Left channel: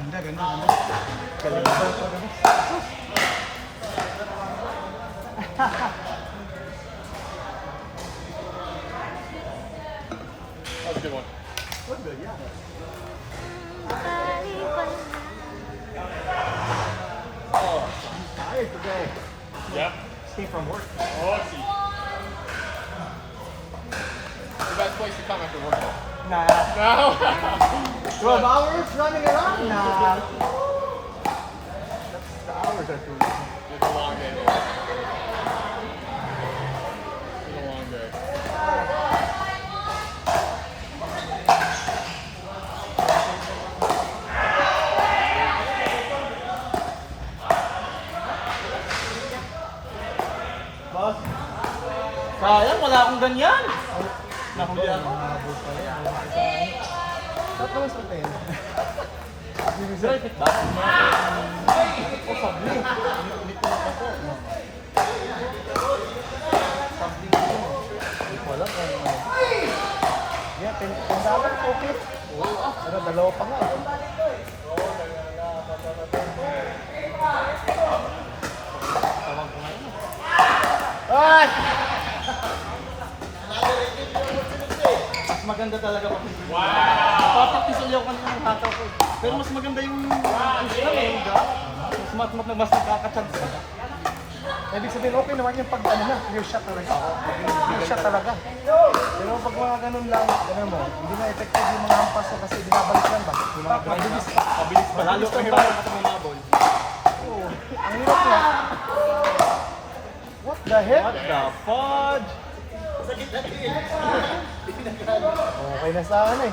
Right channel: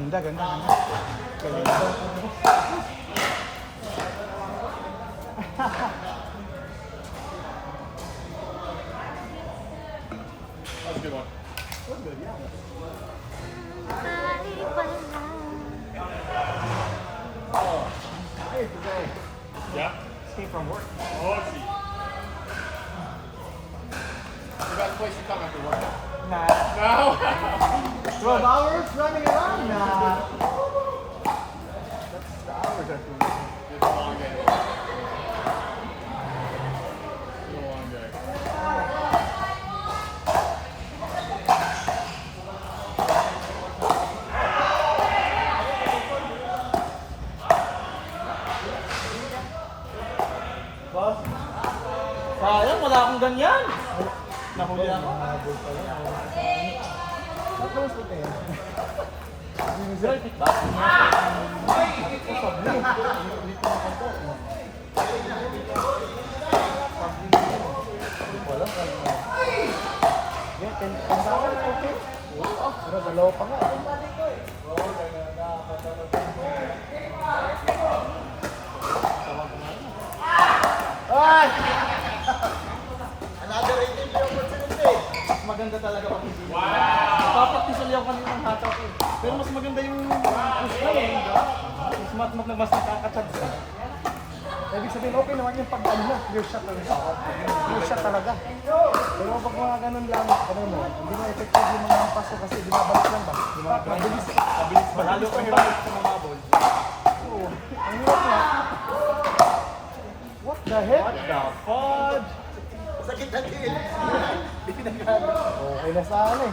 Ganda, ganda, ganda. Galing. Yep. Came from work. Oh, I see. The best place to come after work. Nah. No. 12 hours running around? Nah. The hours are too long. It's a long day. Long day. Sayang, wala akong ganyan. Nahuli ako. Ba't naman sa tayo? Lapit ba? Yeah, 10,000 na ito. Pero dalawa pa nga. Mas maganda talaga ako. Bakit tisaliw ko ng tataw ko? Pero mas maganda yung mas nakakachance ka. Ibig sabihin, okay naman yung pag-ano na, clear shot talaga. Clear shot talaga. Pero pag mga ganun lang, ano mo, hindi na effective yung mga paso kasi binabalik lang ba? Mabilis. Mabilis ba? Halos mahirap sa mga ball. Ano yan? What the heck? What the fudge? Sakit na din. Okay na sa ano eh.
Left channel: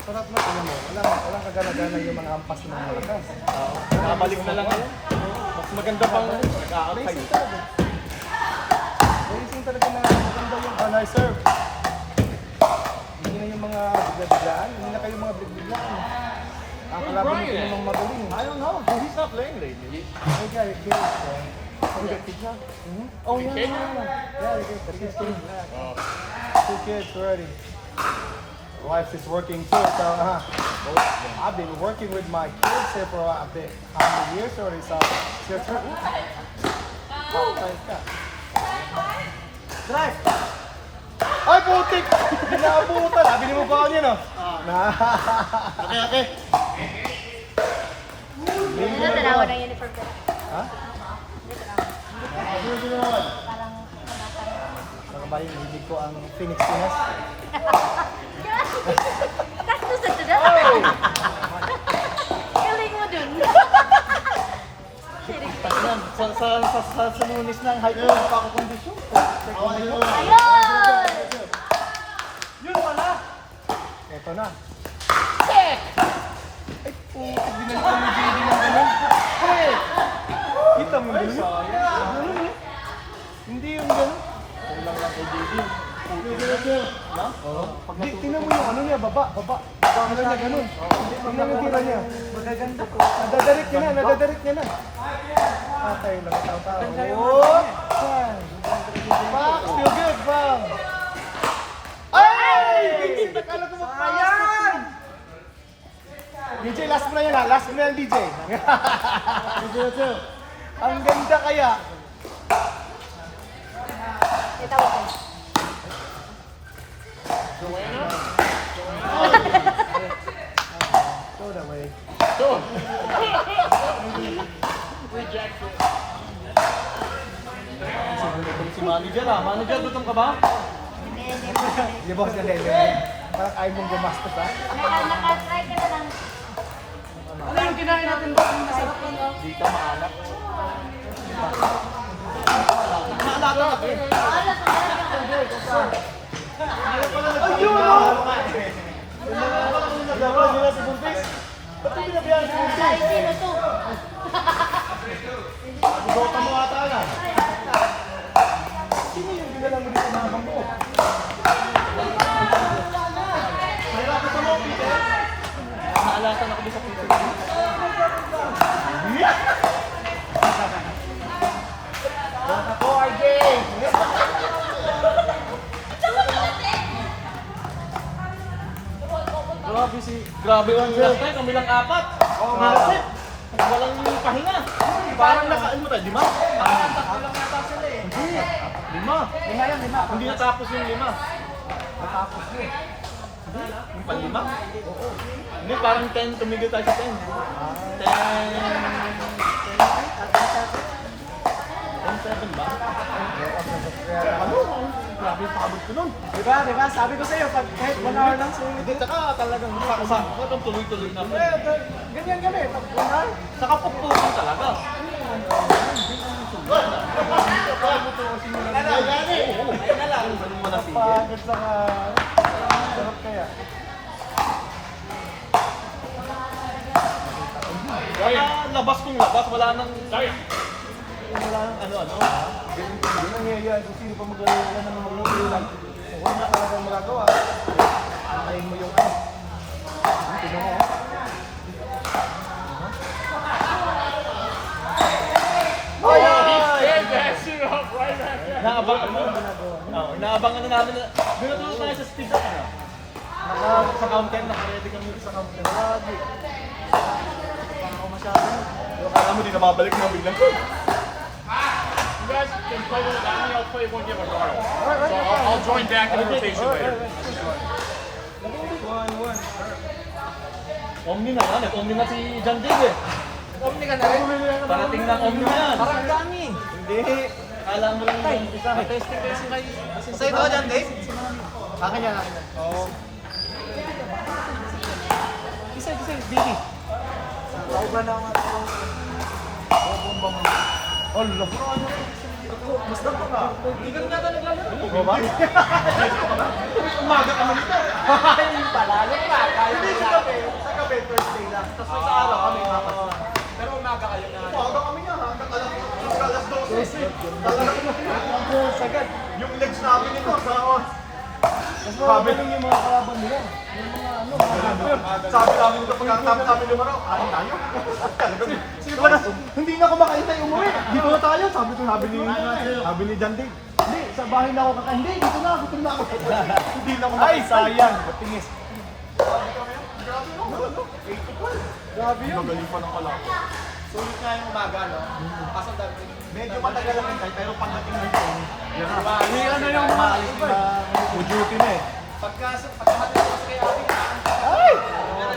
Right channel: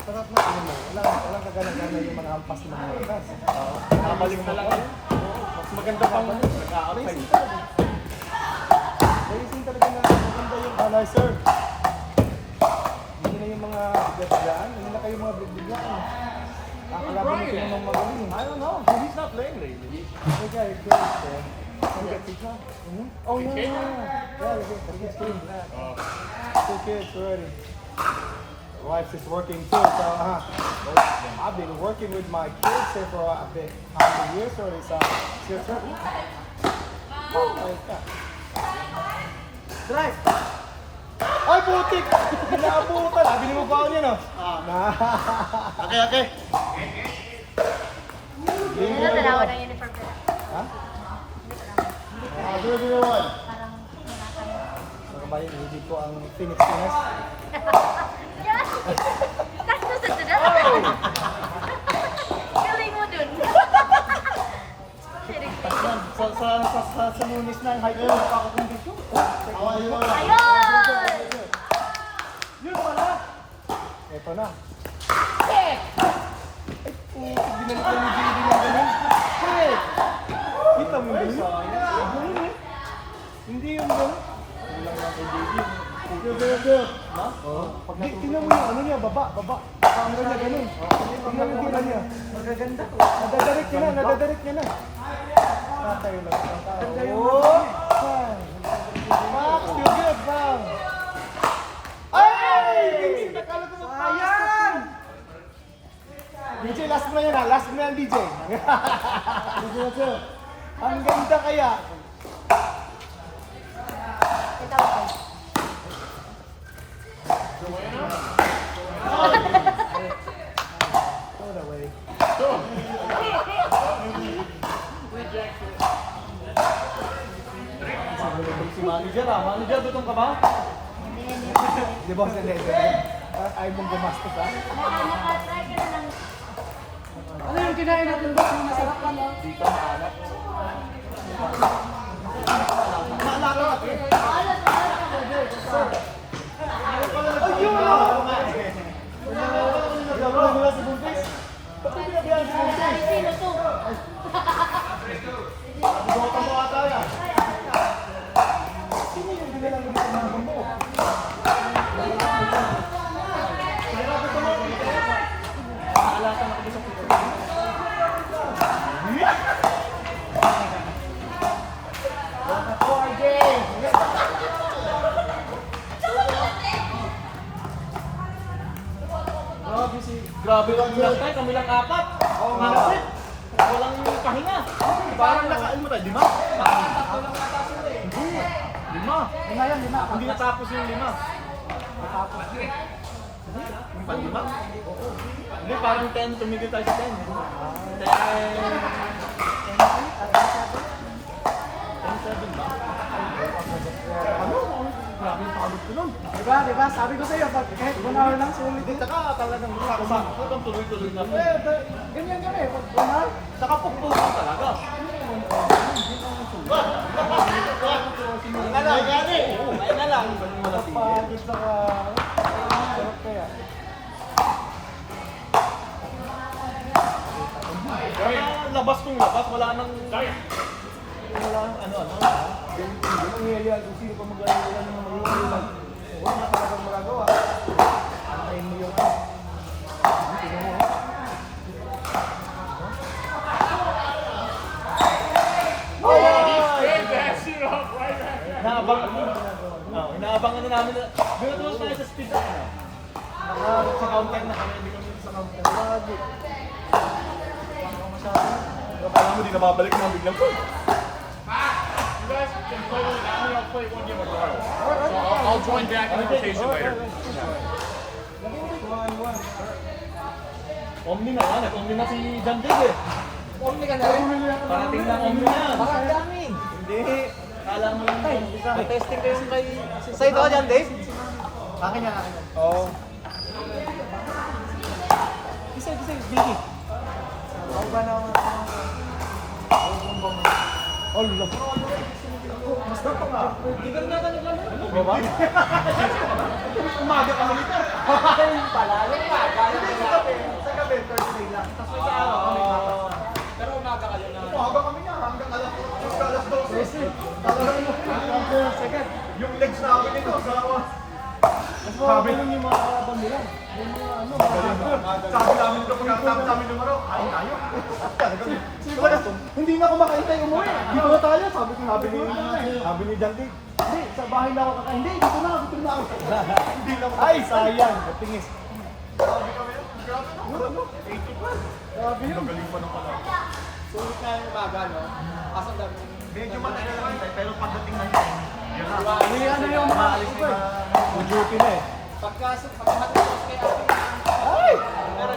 Sarap na ano. Walang kagana-gana yung mga hampas ng mga oras. Nabalik na lang ako. Mas maganda pang nag-aakay. Racing talaga na maganda yung banay serve. Hindi na yung mga biglaan, hindi na kayo mga biglaan. Ang kalaban nito yung mga magaling. I don't know. He's not playing lately. Hey guys, good. You got pizza? Oh yeah, Okay. yeah, we got pizza. Two kids already. Wife is working too, so I've been working with my kids here for a bit. How many years already? So it's your turn. Drive! Ay, putik! Pinaabutan! Sabi mo ba niya, no? Okay. Ano, dalawa ng uniform ko. Parang May hindi ko ang Phoenix Pinas. Tapos sa dada. Galing mo dun. Sa lunis ng high school condition. Ayun! Yun wala! Eto na. Binalik ko ni JD ng ganun. Kita mo yun? Hindi yung ganun. Hindi, tingnan mo yung ano niya, baba. Ano niya, ganun. Tingnan mo yung tira niya. Magaganda ko. Nadadarik niya na. Patay na. Ganda yung mga niya. Feel good, bro. Ay! Sayang! DJ, last mo na yun ha. Last mo na yan, DJ. Ang ganda kaya. Throw it away. Si manager ah. Manager, batong ka ba? Di ba kasi parang ayaw mong gumasta pa? Ano yung kinain natin ba? Masarap lang ah. Di ka maalat. Naalala ko eh. Grabe ang sir. Kami lang apat. Malasip. Walang pahinga. Parang nakaano na, di ba? Hindi. Lima. Hindi natapos yung 5. Yung panlima. Hindi, parang 10 tumigil tayo sa 10. 10-7 ba? Grabe yung pakalito nun. Diba? Sabi ko sa'yo, pag kahit 1 hour lang sulit. Hindi, saka talagang umakot ang tuloy-tuloy na. Ganyan. Pag 1 hour. Saka pagpusan talaga. Ay na lang. Labas kong labas, wala nang... ano. Ganyan nangyayari kung sino pa maglalaro ng mga role. Una ka lang magagawa. Antayin mo yun. Inaabangan na namin na... Pero tulad tayo sa speed up na. Sa counter na, kaya di kami sa counter. Alam mo, di na mabalik na biglang ko. You guys can play with that. I'll play one game at a time. So I'll join back in the rotation later. 1-1. Omni na yan. Omni na si John Jig eh. Omni ka na. Parating na Omni na yan. Ang dami. Hindi. Kala mo lang yung isa. May testing kayo kay... Sa'yo ba dyan, Dave? Akin yan. Oo. Isa, Vicky. Ako ba na nga ito? Allah. Mas na pa. Igal na talaga. Diba? Umaga kami nito. Hindi ko kape. Sa kape, 30 lang. Tapos sa araw kami kapag. Pero umaga kayo na. Umaga kami na. Hanggang alas 12. Sagad. Yung legs namin ito. Sabi lang yung mga kapag nila. Sabi namin ito pagkakatapos namin lumaraw. Ano tayo? Hindi na kumakain tayo umuwi. Dito na tayo. Sabi ni Dante. Hindi, sa bahay na ako kakain. Hindi, dito na ako. Hindi na kumakain. Ay, sayang. Tingis. Sabi kami yan. Grabe na. 8 Grabe yun. Magaling pa na pala. Sulit nga yung umaga, no? Kasi Medyo matagal lang tayo, pero pagdating na yun. ano yung Maalis na mag-duty na eh. pagkamatapos kaya Ay!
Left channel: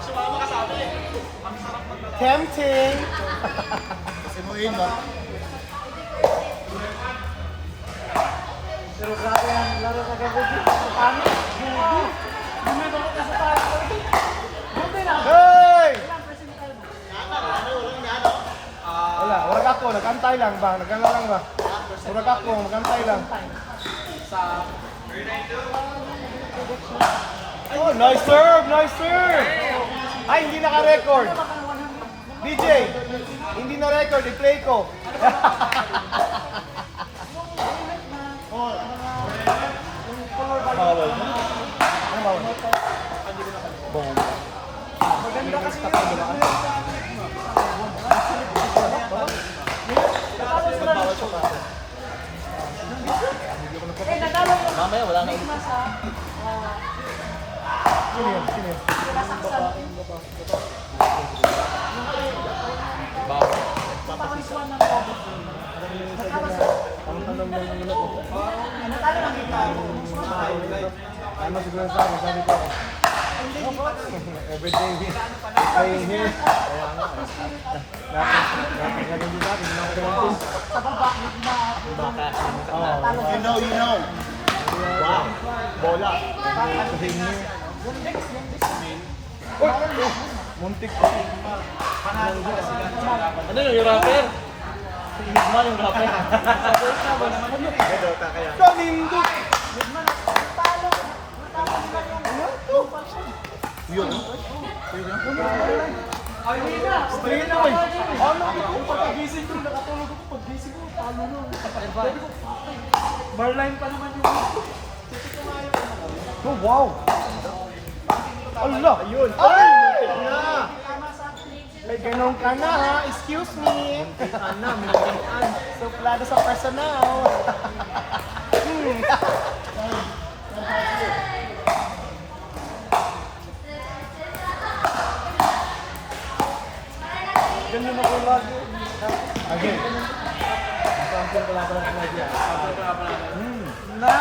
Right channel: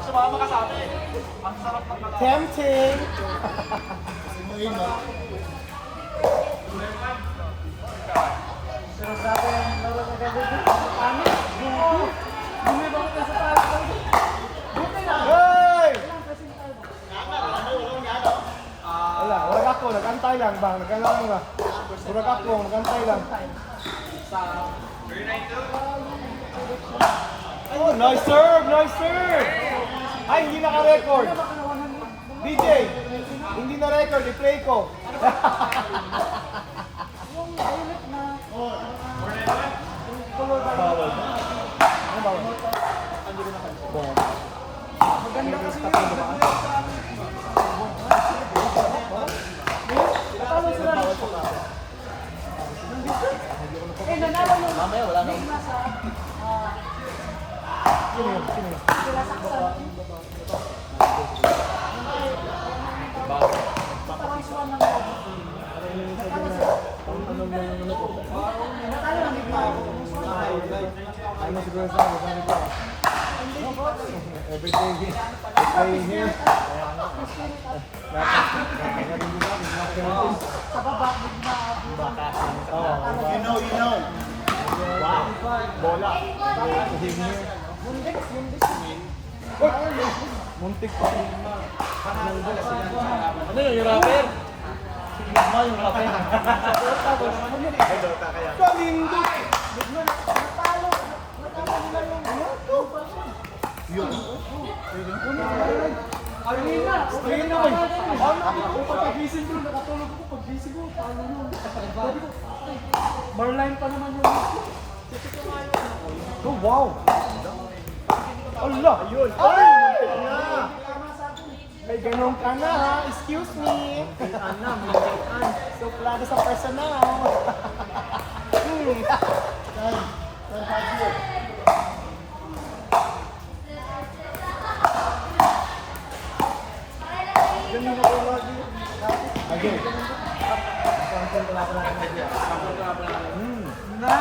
Sumama ka sa amin. Ang sarap maglalaro. tempting. Kasi mo yun, man. Pero grabe ang laro ko gagawin. Paano? Bumibak ka sa parang. Hey! Wala ako. Nagkantay lang ba? Nagkantay lang ba? Wala ako. Nagkantay lang. Oh, nice serve! Nice serve! Ay, hindi naka-record. DJ, hindi na record. I-play ko. Maganda kasi Mamaya, wala na. Sino? Ano siguro sa mga ganito? Everything stay here. You know. Bola. Muntik pa. Ano yun, yung rapper? Kamindot! Yun. Stay na eh. Pagkagising ko, nakatulog ako. Paggising ko, talo yun. Marline pa naman yun. Oh, wow! Allah! Ayun! Ay! May ganun ka na ha! Excuse me! Ano? May ganun. Sobrado sa personal. Ganun ako lagi. Na!